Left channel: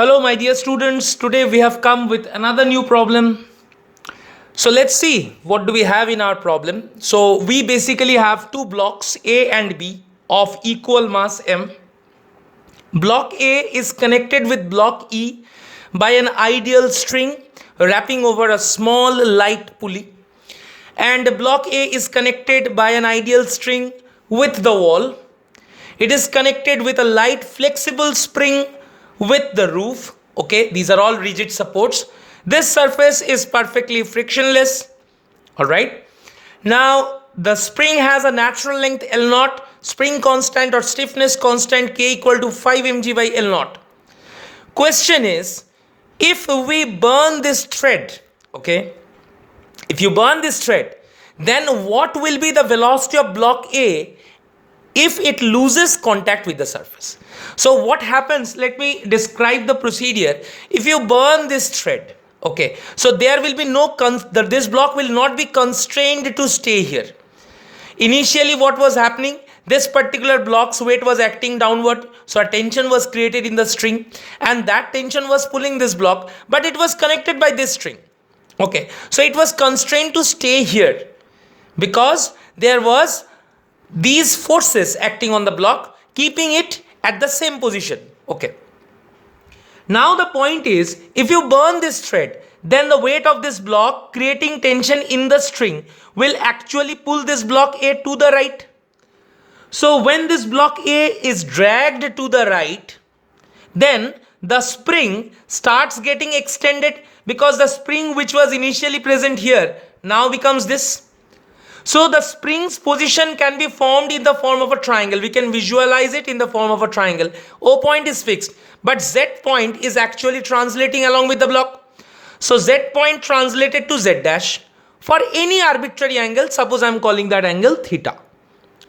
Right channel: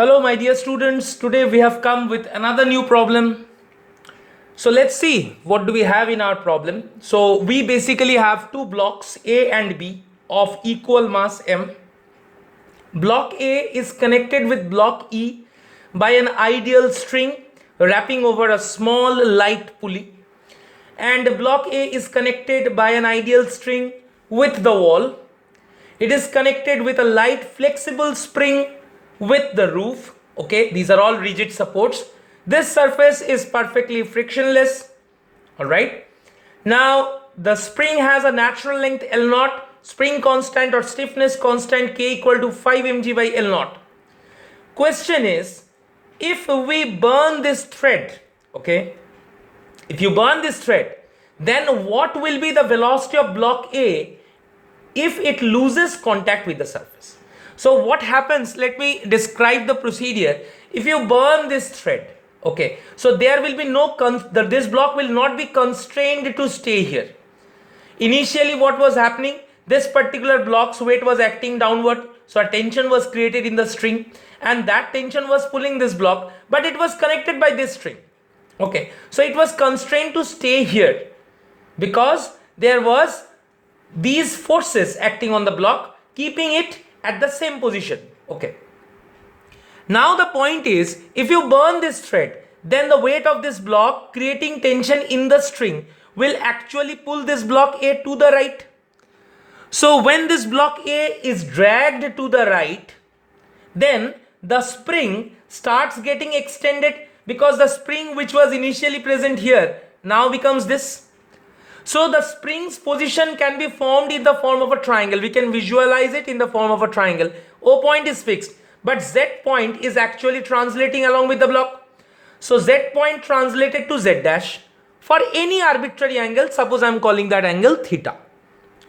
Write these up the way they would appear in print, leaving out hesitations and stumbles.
Hello, my dear students. Today we have come with another new problem. So let's see what do we have in our problem. So we basically have two blocks A and B of equal mass M. Block A is connected with block E by an ideal string wrapping over a small light pulley, and block A is connected by an ideal string with the wall. It is connected with a light flexible spring with the roof. Okay, these are all rigid supports. This surface is perfectly frictionless. All right. Now the spring has a natural length L naught, spring constant or stiffness constant K equal to 5 mg by L naught. Question is, if we burn this thread, okay, if you burn this thread, then what will be the velocity of block A if it loses contact with the surface? So what happens, let me describe the procedure. If you burn this thread, okay, so there will be no, this block will not be constrained to stay here. Initially what was happening, this particular block's weight was acting downward, so a tension was created in the string, and that tension was pulling this block, but it was connected by this string. Okay, so it was constrained to stay here because there was these forces acting on the block, keeping it at the same position. Okay. Now the point is, if you burn this thread, then the weight of this block creating tension in the string will actually pull this block A to the right. So when this block A is dragged to the right, then the spring starts getting extended because the spring which was initially present here now becomes this. So the spring's position can be formed in the form of a triangle. We can visualize it in the form of a triangle. O point is fixed, but Z point is actually translating along with the block. So Z point translated to Z dash for any arbitrary angle. Suppose I am calling that angle theta.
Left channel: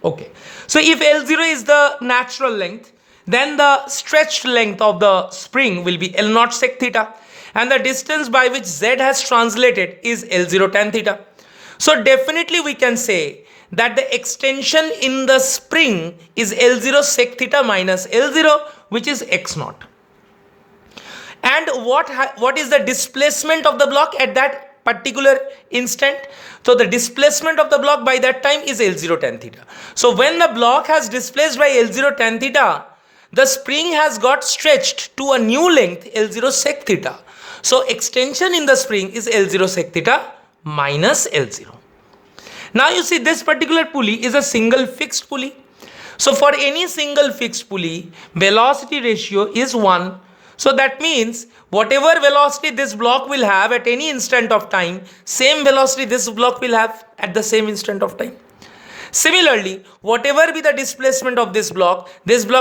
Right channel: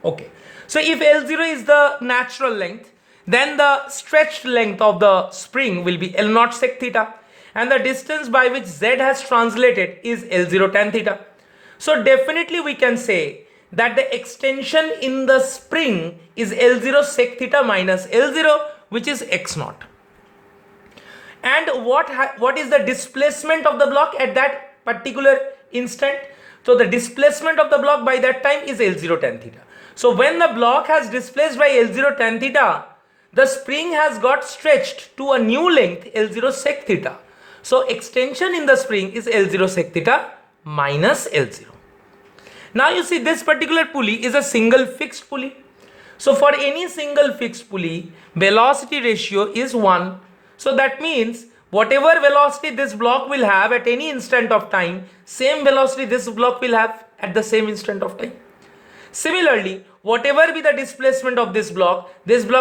Okay. So if L0 is the natural length, then the stretched length of the spring will be L naught sec theta, and the distance by which Z has translated is L0 tan theta. So definitely we can say that the extension in the spring is L0 sec theta minus L0, which is x naught. And what is the displacement of the block at that particular instant? So the displacement of the block by that time is L0 tan theta. So when the block has displaced by L0 tan theta, the spring has got stretched to a new length L0 sec theta. So extension in the spring is L0 sec theta minus L0. Now you see, this particular pulley is a single fixed pulley. So for any single fixed pulley, velocity ratio is 1. So that means whatever velocity this block will have at any instant of time, same velocity this block will have at the same instant of time. Similarly, whatever be the displacement of this block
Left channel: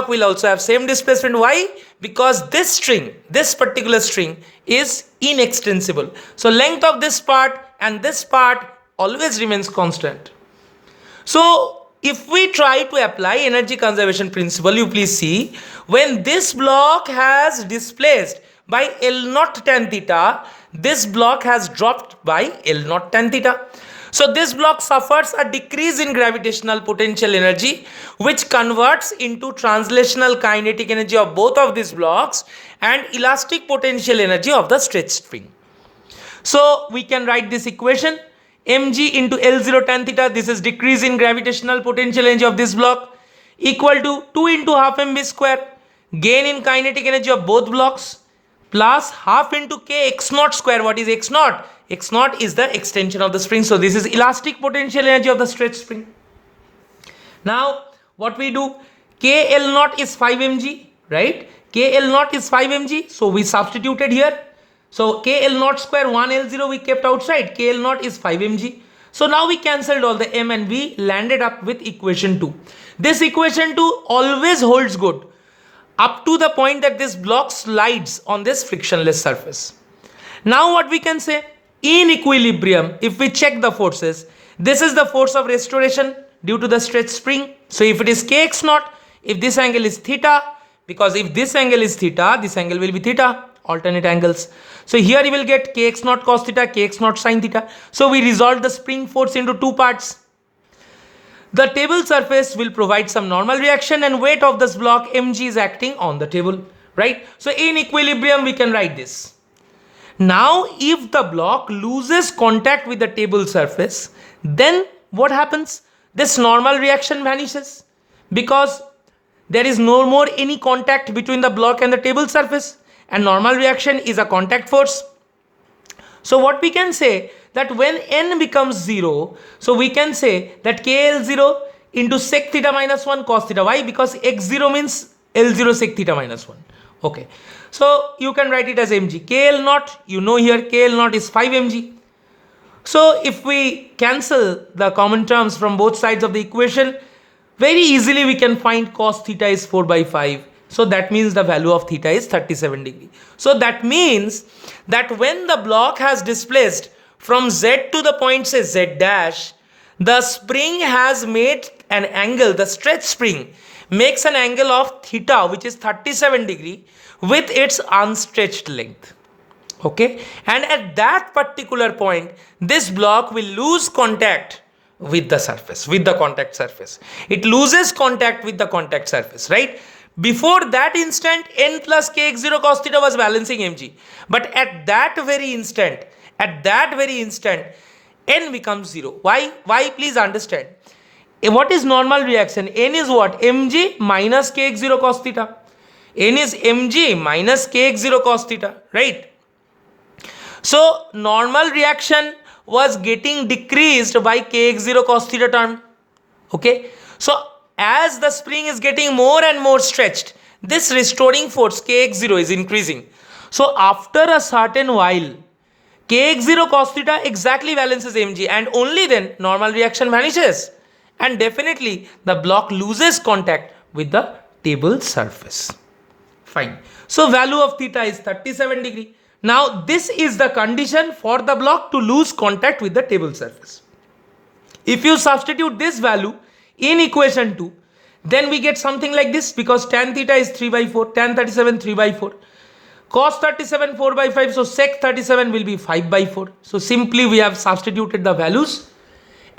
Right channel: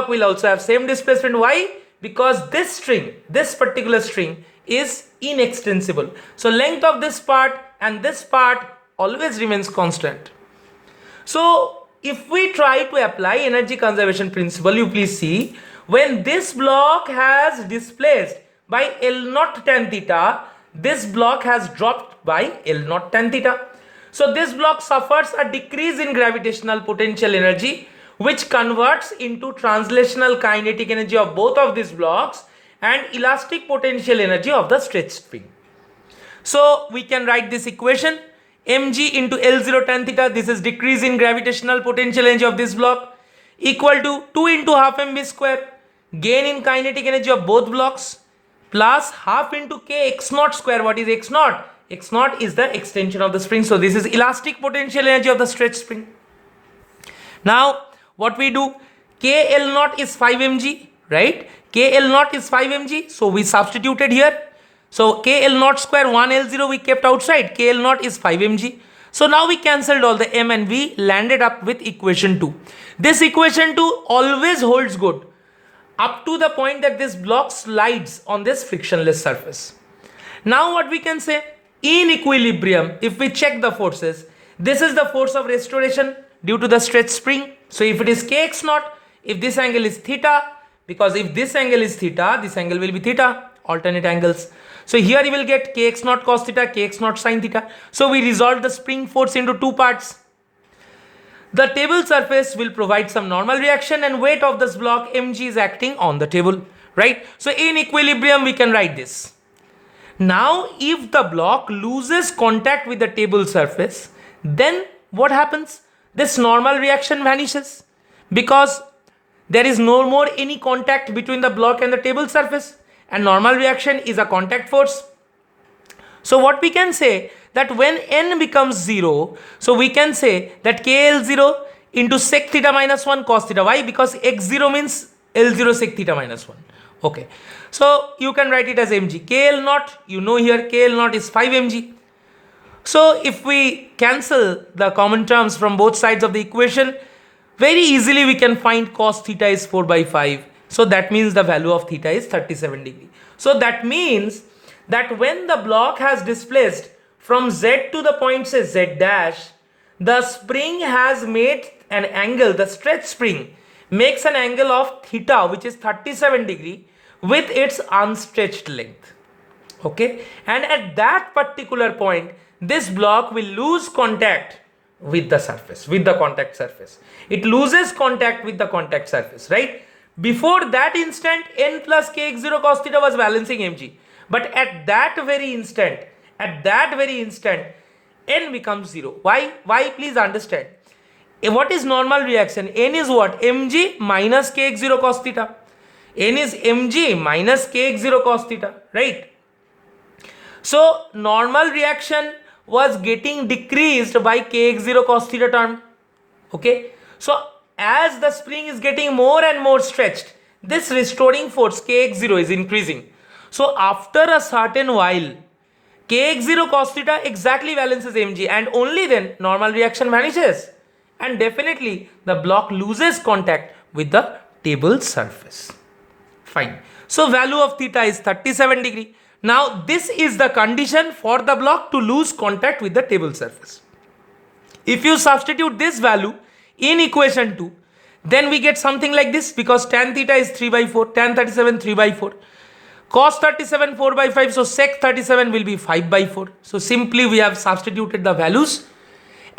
will also have same displacement. Why? Because this string, this particular string is inextensible. So length of this part and this part always remains constant. So if we try to apply energy conservation principle, you please see, when this block has displaced by L naught tan theta, this block has dropped by L naught tan theta. So this block suffers a decrease in gravitational potential energy, which converts into translational kinetic energy of both of these blocks and elastic potential energy of the stretched spring. So we can write this equation, mg into L0 tan theta, this is decrease in gravitational potential energy of this block, equal to 2 into half mv square, gain in kinetic energy of both blocks, plus half into k x naught square. What is x naught? X naught is the extension of the spring. So this is elastic potential energy of the stretched spring. Now what we do, KL naught is 5 mg, right? KL naught is 5 mg. So we substituted here. So KL naught square 1 L0 we kept outside. KL naught is 5 mg. So now we cancelled all the m and we landed up with equation 2. This equation 2 always holds good up to the point that this block slides on this frictionless surface. Now what we can say, in equilibrium, if we check the forces, this is the force of restoration due to the stretched spring. So if it is kx naught, if this angle is theta, because if this angle is theta, this angle will be theta, alternate angles. So here you will get kx naught cos theta, kx naught sin theta. So we resolve the spring force into two parts. The table surface will provide some normal reaction and weight of this block mg is acting on the table, right? So in equilibrium, we can write this. Now, if the block loses contact with the table surface, then what happens? This normal reaction vanishes because there is no more any contact between the block and the table surface, and normal reaction is a contact force. So what we can say that when n becomes 0, so we can say that KL0 into sec theta minus 1 cos theta. Why? Because x0 means L0 sec theta minus 1. Okay, so you can write it as mg. KL naught, you know here KL naught is 5 mg. So if we cancel the common terms from both sides of the equation, very easily we can find cos theta is 4 by 5. So that means the value of theta is 37 degree. So that means that when the block has displaced from z to the point say z dash, the spring has made an angle, the stretch spring makes an angle of theta which is 37 degree with its unstretched length. Okay, and at that particular point this block will lose contact with the surface, with the contact surface. It loses contact with the contact surface, right? Before that instant, n plus kx0 cos theta was balancing mg, but at that very instant, n becomes 0. Why? Please understand. What is normal reaction? N is what? Mg minus kx0 cos theta. N is mg minus kx0 cos theta, right? So normal reaction was getting decreased by kx0 cos theta term. Okay, so as the spring is getting more and more stretched, this restoring force kx0 is increasing. So after a certain while, kx0 cos theta exactly balances mg, and only then normal reaction vanishes, and definitely the block loses contact with the table surface. Fine. So value of theta is 37 degree. Now this is the condition for the block to lose contact with the table surface. If you substitute this value in equation 2, then we get something like this, because tan theta is 3 by 4, tan 37 3 by 4, cos 37 4 by 5, so sec 37 will be 5 by 4. So simply we have substituted the values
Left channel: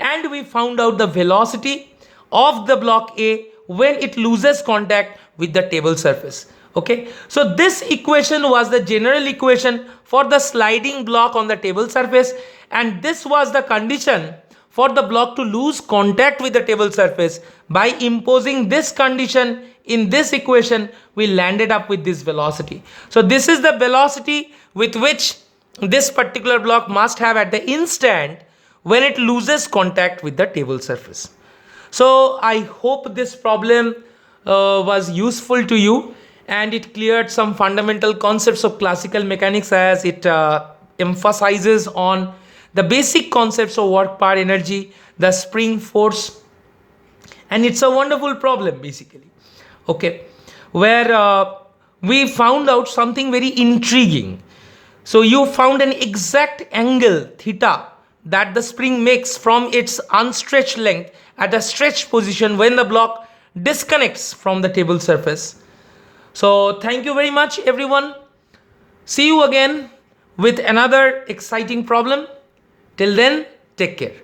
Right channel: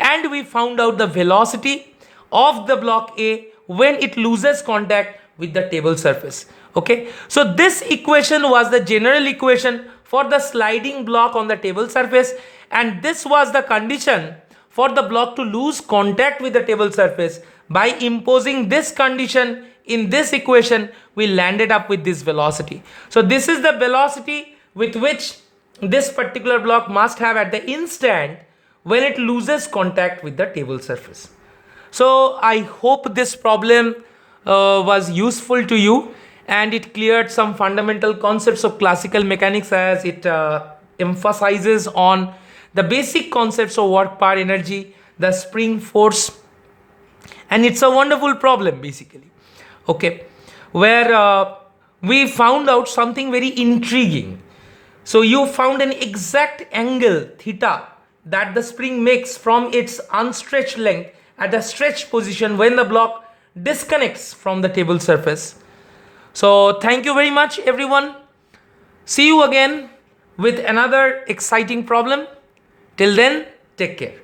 and we found out the velocity of the block A when it loses contact with the table surface. Okay, so this equation was the general equation for the sliding block on the table surface, and this was the condition for the block to lose contact with the table surface. By imposing this condition in this equation, we landed up with this velocity. So this is the velocity with which this particular block must have at the instant when it loses contact with the table surface. So I hope this problem was useful to you, and it cleared some fundamental concepts of classical mechanics, as it emphasizes on the basic concepts of work per energy, the spring force, and it's a wonderful problem basically. Okay, where we found out something very intriguing. So you found an exact angle theta that the spring makes from its unstretched length at a stretched position when the block disconnects from the table surface. So thank you very much everyone. See you again with another exciting problem. Till then, take care.